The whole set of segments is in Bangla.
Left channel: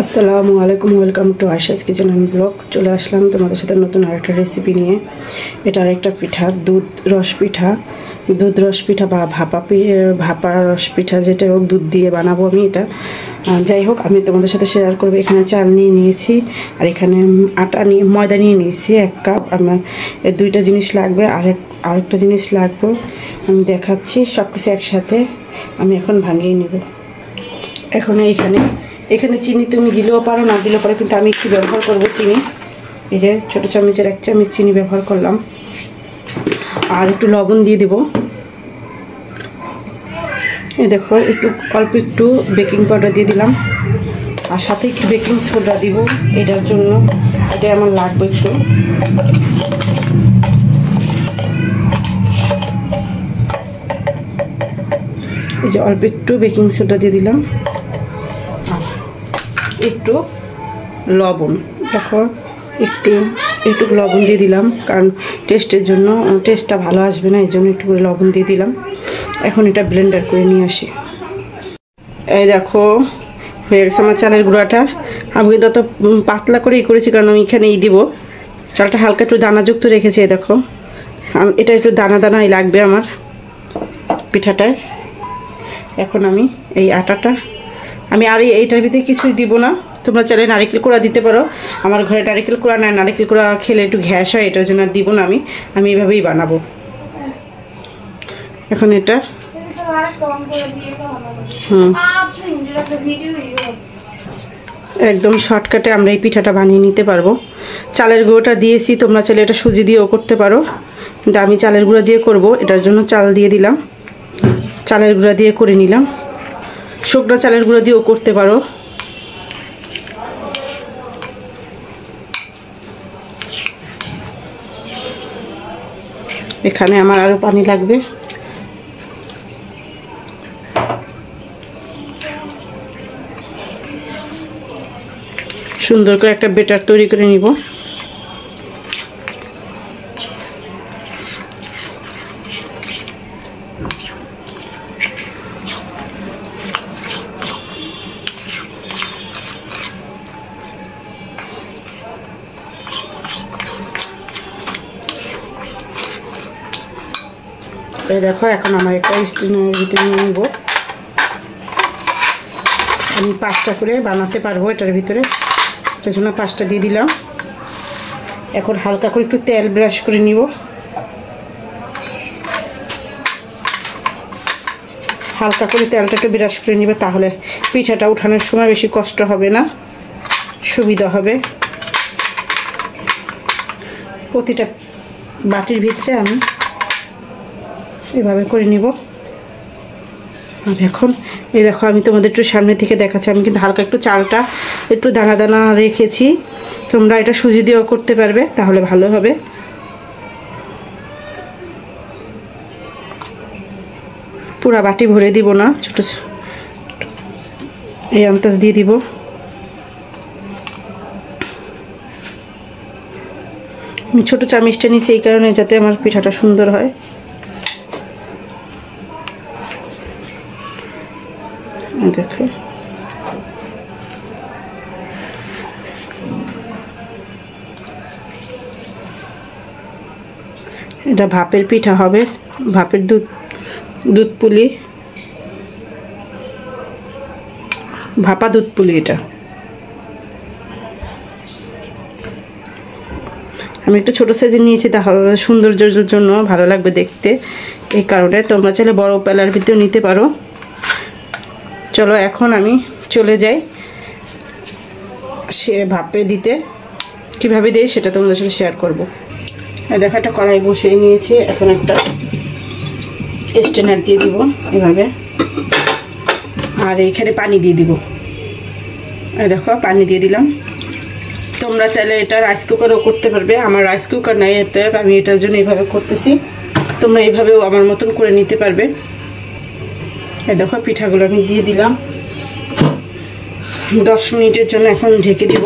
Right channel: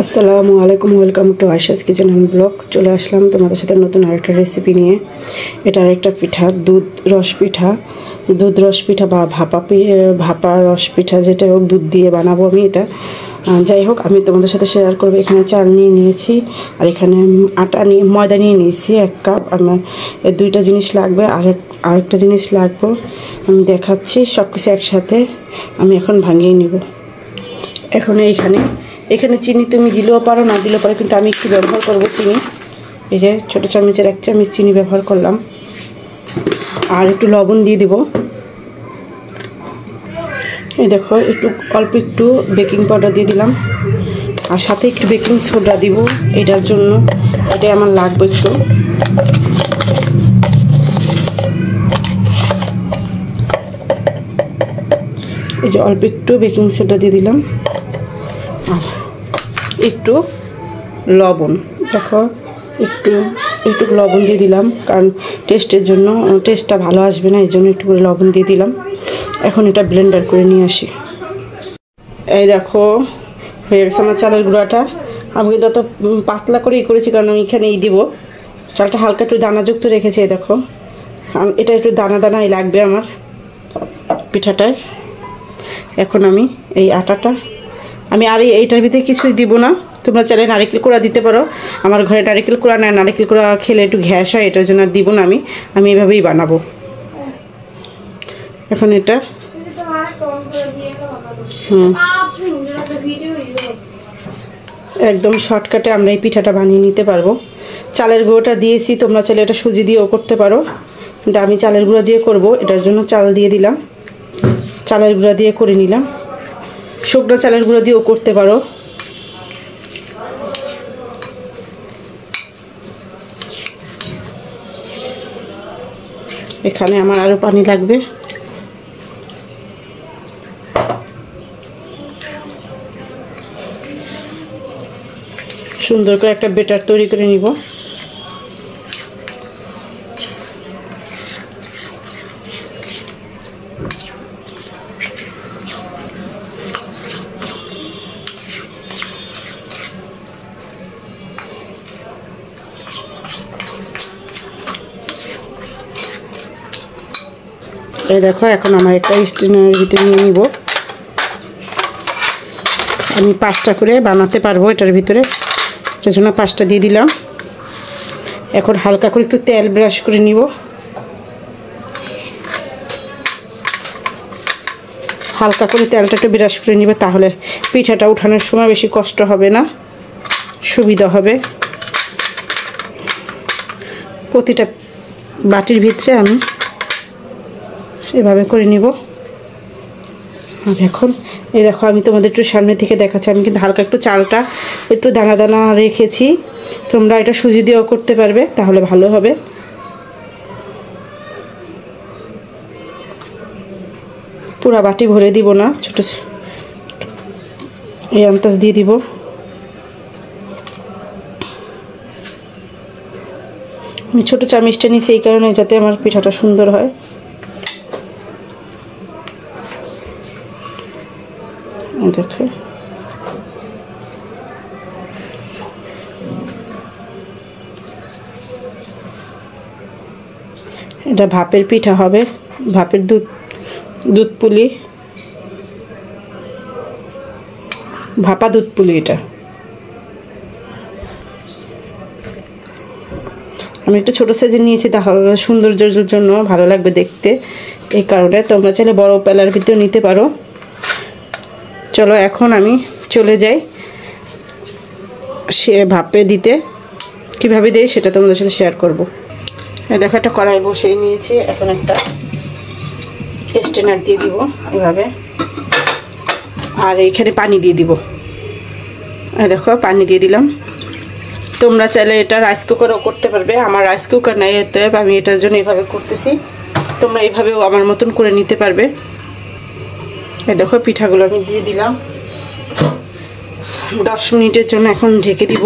আসসালামু আলাইকুম, welcome to Ayesha's kitchen and blog. চলে আসলাম তোমাদের সাথে নতুন আরেকটা রেসিপি নিয়ে। এটা আরেকটা পিঠা, দুধ রস পিঠা বা ভাপা রস পিঠা, যেটা হোক দুধ দিয়ে বানাবো আমি এটা। যাই হোক, আমি তোমাদের সাথে শেয়ার করবো। এখানে চাল নিয়ে নিয়েছি আর এখানে ময়দা নিয়ে নিয়েছি 1 কাপ। আমার এই দুইটা জিনিস লাগবে, আরেকটা জিনিস লাগবে আমি দেখাচ্ছি। সব কিছু একসাথে আমি এখন ভাঙিয়ে নিব। এখন এখানে চিনি তুমি দিলেও পারো, না দিলেও পারো, কিন্তু আমি একটু ব্যবহার করবো চিনি। এই যে ছোটো চামচের 1 চামচ চিনি ব্যবহার করলাম। আর একটু লবণ দিয়ে দেবো। এই দেখো, অল্প একটু বেকিং পাউডার দিয়ে দিলাম, আর সাথে একটু বেকিং সোডা দিব এটার জন্য, এটাই আমার লাগবে একটু। এই যে অল্প একটু বেকিং সোডা দিয়ে দিলাম, একটু লবণ। দেখো, একটু লবণ দিয়ে দিলাম, কারণ টেস্টের জন্য, টেস্টটা ভালো আসবে না, এই জন্য একটু করে লবণ দিয়ে দিলাম। এখন এটা ব্লেন্ডার করে নিয়ে আসি। এই দেখো, হয়ে গেছে আমার চালের গুঁড়াটা। আমি কিন্তু অত পাতলা করেই করেছি, কারণ এখানেই দিব। চালটা হালকা একটু দানাযুক্ত রেখেছি। এই দেখো, এটা একটু দানাই লাগবে আমার পিঠাটায়। এখন আমি এই আটাটা, আমি আর এইটার ভিতরে কিছুই দিব না। তোমরা চাইলে নারকেল কোড়া দিতে পারো। আমার ঘরে নারকেল কোড়া না, নারকেল কোড়া খেলে একটু গ্যাস হয়, এটার জন্য আর দিব না। আমি এইভাবেই বানাবো। এখন এটা একদম শর্টকাটে আমরা এই পিঠাটা বানিয়ে নিতে পারবো। চালের গুঁড়োটা দিয়েছি, তোমরা চাইলে এটা সুজি দিয়েও করতে পারো, কিন্তু আমি চালের গুঁড়া দিয়ে করব। এটার জন্য চাল দিয়ে দিলাম, চালের গুঁড়া দিয়ে করে নিলাম। শুকনো চালের গুঁড়া দিয়েও করতে পারো। এখানে আমার আরও পানি লাগবে। সুন্দর করে একটা ব্যাটার তৈরি করে নিব। এই দেখো, এখন আমার একটা স্ট্যান্ডের ভিতরে নিয়ে নিব। আমি 5টা করে বানাতে পারবো এটার ভিতরে, এটার জন্য 5টা দিয়ে দিলাম। এখন হালকা করে একটু তেল ব্রাশ করে নিব। হালকা করে তেলটা একটু ব্রাশ করে নিবে, তাহলে পিঠাটা উঠানোর সময় বেশি কষ্ট হবে না, সুবিধা হবে। প্রতিটা বাটির ভিতরে আমি এভাবে করে নিব। আর এখন এই দেখো, আমি তোমাদের একটু সামনে থেকে দেখাচ্ছি। আমি কিন্তু হালকা একটু চালটা একটু দানা রেখেছি। তোমরা এটা সুজি দিয়েও করতে পারবে, তাহলে ভালো হবে। পুরা বাটি ভরে দিব না, ছোট এই আন্দাজ দিয়ে দিব। আমি ছোট চামচটা নিয়েছি এই কারণে, যাতে আমার পিঠাটা সুন্দর হয়। দেখো, এটা ভাপের পিঠা হবে, ভাপের দুধ পুলি, ভাপা দুধ পুলি। এটা আমি একটু ছোটো সাইজের নিয়েছি, তাহলে সৌন্দর্যের জন্য ভালো লাগবে দেখতে, এই কারণে। তোমরা চাইলে বড় পেলার ভিতরেও নিতে পারো। চলো, এখন আমি চলে যাই সে ভাপে দিতে। কীভাবে দেই সেটা তোমাদের সাথে শেয়ার করবো। দেখো, একটা কড়াই বসিয়ে নিয়েছি। এখন একটা স্ট্যান্ডার দিয়ে দিব এভাবে, আর এইখানে পানি দিয়ে দিব। দেখো, পানি দিয়ে দিলাম। তোমরা চাইলে এটা রাইস কুকারও করতে পারবে। আমার রাইস কুকার নাই, এতে আমি এটার জন্য এইভাবে করতেছি। তোমরা এইভাবেও আমার মতন করে নিতে পারবে। দেখো, পিঠাগুলো আমি দিয়ে দিলাম। 10 মিনিটের জন্য এখন ঢেকে দিব।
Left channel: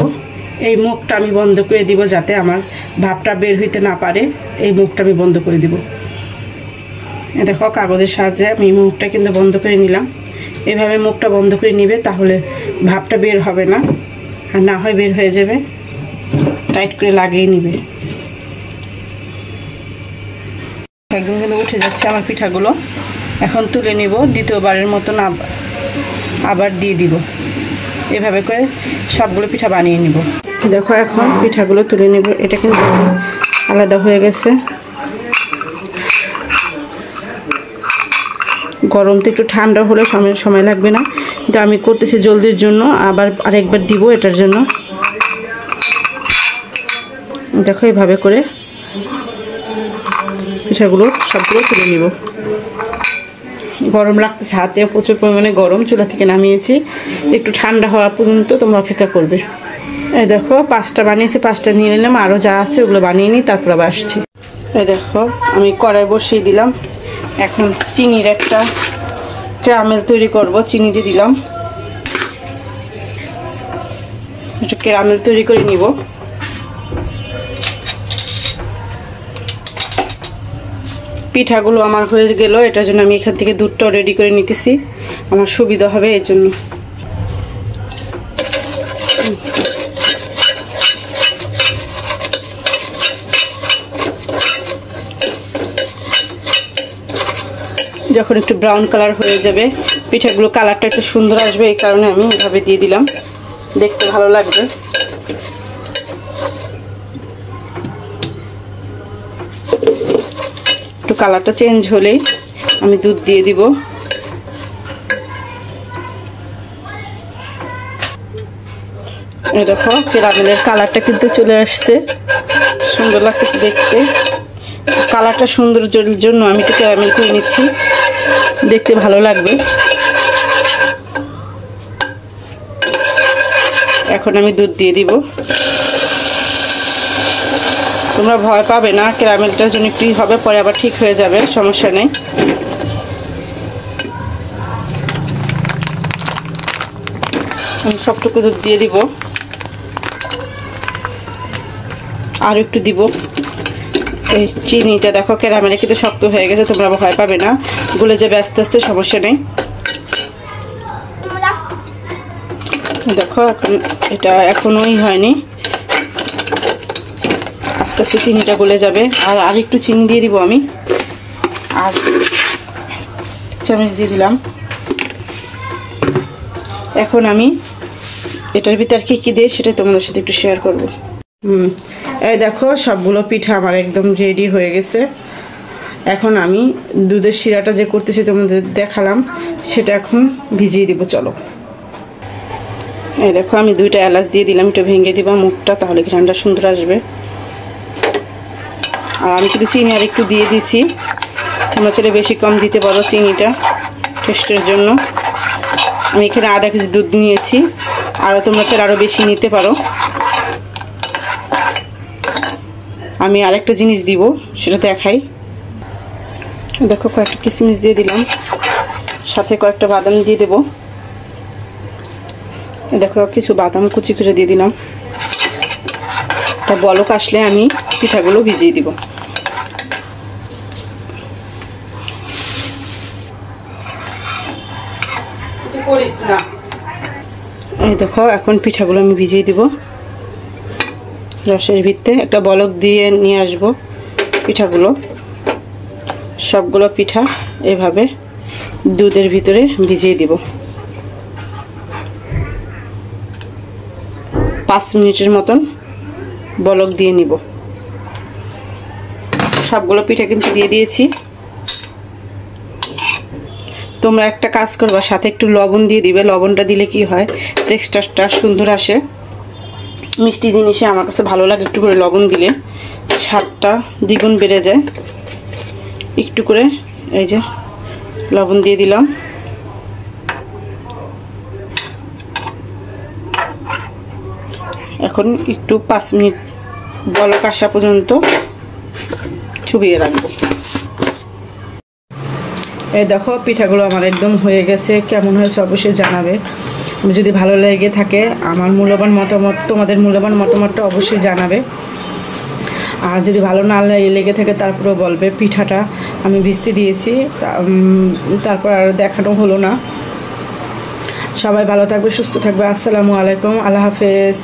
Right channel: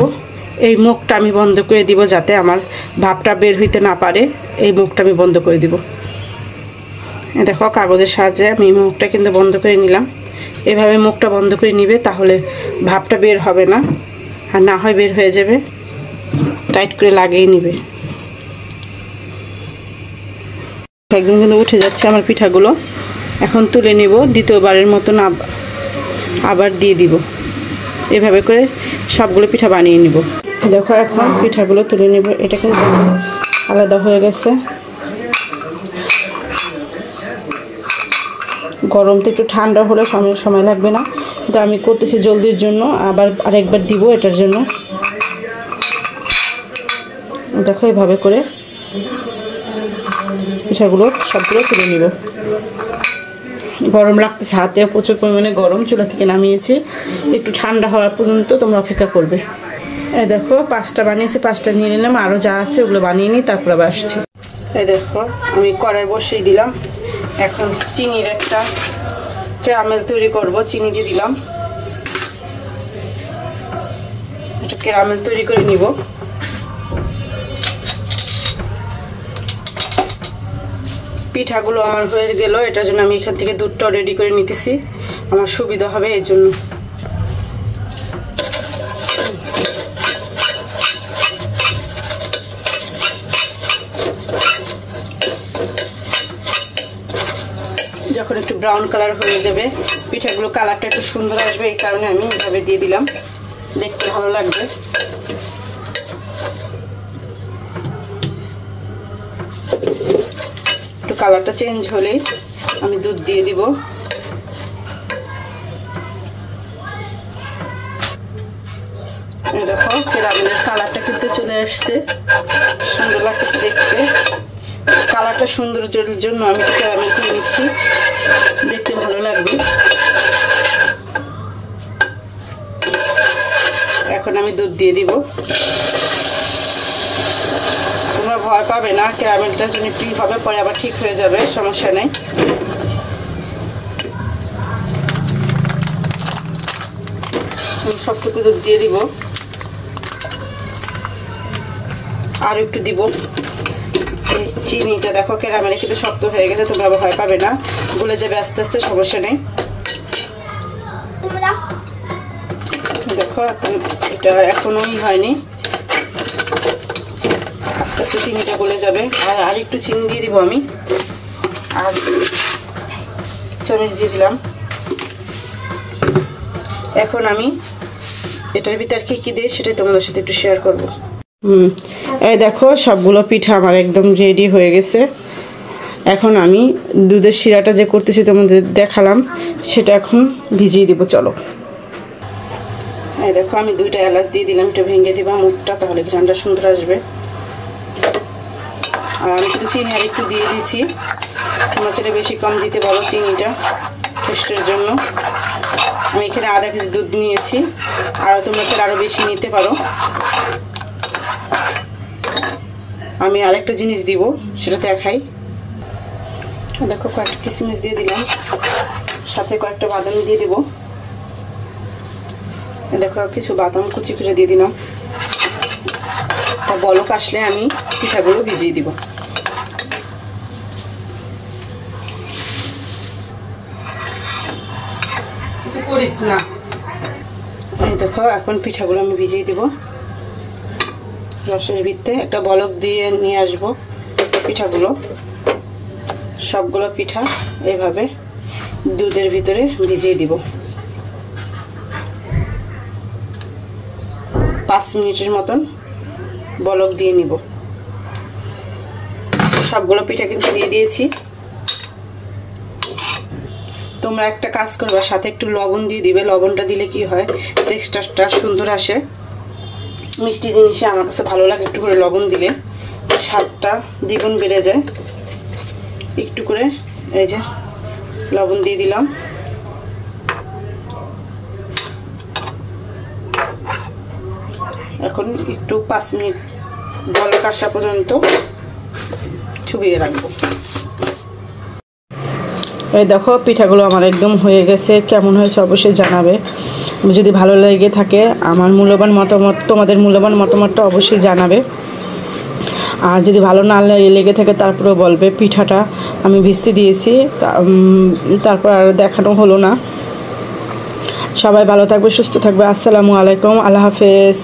এই মুখটা আমি বন্ধ করে দিব, যাতে আমার ভাপটা বের হইতে না পারে। এই মুখটা আমি বন্ধ করে দিব। দেখো, কাগজের সাহায্যে আমি মুখটা কিন্তু বন্ধ করে নিলাম। এভাবে মুখটা বন্ধ করে নিবে, তাহলে ভাপটা বের হবে না। আর না হয় বের হয়ে যাবে, টাইট করে লাগিয়ে নিবে। একদম কিন্তু উঠে যাচ্ছে আমার পিঠাগুলো। এখন তুলে নিব, দ্বিতীয়বারের মতন আবার দিয়ে দিব। এভাবে করে সবগুলো পিঠা বানিয়ে নিব। দেখো এখন পিঠাগুলো তুলে নিব। এটা কিন্তু আলাদা হয়ে গেছে। গরম তো একটু ঠান্ডা হলে সময় লাগবে না, কিন্তু আমি করতেছি জলদির জন্য। আবার আরেকবার দিব এটার জন্য। দেখো এইভাবে করে পিঠাগুলো সবগুলো তুলে নিব। গরম লাগতেছে, হাতে প্রচুর পরিমাণে গরম। চুলা থেকে নামিয়েছি, একটু ঠান্ডা হওয়া পর্যন্ত তোমরা অপেক্ষা করবে। এই দেখো 5টা বানিয়েছি, 5টা নিয়ে নিলাম। আরও যা আছে ওগুলো বানিয়ে নিই, তারপর আবার আসছি। এই দেখো আমি কড়াই বসিয়ে দিলাম। এখন চিনির একটা ক্যারামেল তৈরি করব। চিনি দিয়ে দিলাম, একটু ক্যারামেল তৈরি করে নিব। পিঠাগুলো আমার হয়ে গেল, এটার জন্য আমি এখান থেকে দুধটাও রেডি করে নিতেছি, আমার সুবিধা হবে এই জন্য। যখন একটু ব্রাউন কালার হয়ে যাবে, পিঠাগুলো কালারটা একটু সুন্দর আসবে, এই কারণে আমি এভাবে দিয়ে দিলাম, দেখতে ভালো লাগবে। একটু কালারটা চেঞ্জ হলেই আমি দুধ দিয়ে দিব। এই দেখো ক্যারামেলের কালারটা কিন্তু চলে আসছে, সুন্দর লাগতেছে দেখতে। কালারটা সৌন্দর্যের জন্য আমি একটু ক্যারামেল করে নিচ্ছি, দেখতে ভালো লাগবে। এখন আমি দুধ দিয়ে দিব। তোমরা ভয় পাবে না, ক্যারামেলটার জন্য একটু হবে, পরে আবার ঠিক হয়ে যাবে, সমস্যা নেই। আমি সবটুকু দুধ দিয়ে দিব, আর একটু দিব। এই চিনিটা দেখো ক্যারামেলে কিন্তু শক্ত হয়ে গেছে, তোমরা ভয় পাবে না, গলে যাবে আস্তে আস্তে, সমস্যা নেই। দেখো এখন এটা এখনোই হয়নি, আস্তে আস্তে চিনিটা গলে যাবে। আর একটু চিনি দিয়ে দিব আমি, আর চামচ দিয়ে দিলাম। এখন আমি এটার ভিতর কি দেই সেটাই তোমাদের সাথে একটু শেয়ার করব। এই দেখো সবগুলো পিঠা আমার একদম রেডি হয়ে গেছে। এখন আমি দুধের শিরাটা যে করতেছি তোমাদের দেখালাম, সেটা এখন ভিজিয়ে দিব। চলো, এই দেখো আমি 2টা এলাচ দিয়ে দিলাম, একটু ভেঙে দিব মুখটা, তাহলে ঘ্রাণটা সুন্দর আসবে। আর আমি কিন্তু চিনি আর একটু দিয়ে দিছি, তোমরা চাইলে বেশি কম দিতে পারো চিনিটা টেস্টের জন্য। আমি এখানে আধা কেজি দুধ নিয়েছি, আর তোমরা চাইলে আরও বেশি নিতে পারো। আমি আরেকটা জিনিস দিব, সেটা দেখাই। দেখো কয়েকটা কিশমিশ দিয়ে দিলাম, সাথে কয়েকটা বাদাম দিয়ে দেবো। দেখো কিছু বাদাম কুচি করে দিয়ে দিলাম। তা বলক আসলে আমি পিঠাগুলো ভিজিয়ে দিব। কিছু করিস না। এই দেখো এখন পিঠাগুলো আমি ভিজিয়ে দিব রসের ভিতরে। একটা বলক দিয়ে নিয়ে আসবো পিঠাগুলো। সবগুলো পিঠা এভাবে দুধের ভিতরে ভিজিয়ে দিব। 5 মিনিটের মতন বলক দিয়ে নিব। সবগুলো পিঠা কিন্তু দিয়ে দিয়েছি। তোমরা একটা কাজ করবা, সাথে একটু লবণ দিয়ে দিবে। লবণটা দিলে কি হয়, টেক্সচারটা সুন্দর আসে। মিষ্টি জিনিসে আমার কাছে ভালো লাগে, একটু করে লবণ দিলে স্বাদটা দ্বিগুণ বেড়ে যায়। একটু করে এই যে লবণ দিয়ে দিলাম। এখন একটু 5 মিনিট বলক আসা পর্যন্ত চুবিয়ে রাখবো। এই দেখো পিঠাগুলো আমার একদম হয়ে গেছে। কেমন হয়েছে অবশ্যই জানাবে। যদি ভালো লেগে থাকে আমার মূল্যবান মতামত, তোমাদের মূল্যবান মতামতটা অবশ্যই জানাবে। আর যদি ভালো না লেগে থাকে তারপরেও বলবে। পিঠাটা আমি ভিজতে দিয়েছি, তারপর আর দেখানো হলো না। সবাই ভালো থাকবে, সুস্থ থাকবে। আসসালামু আলাইকুম, আল্লাহ হাফেজ।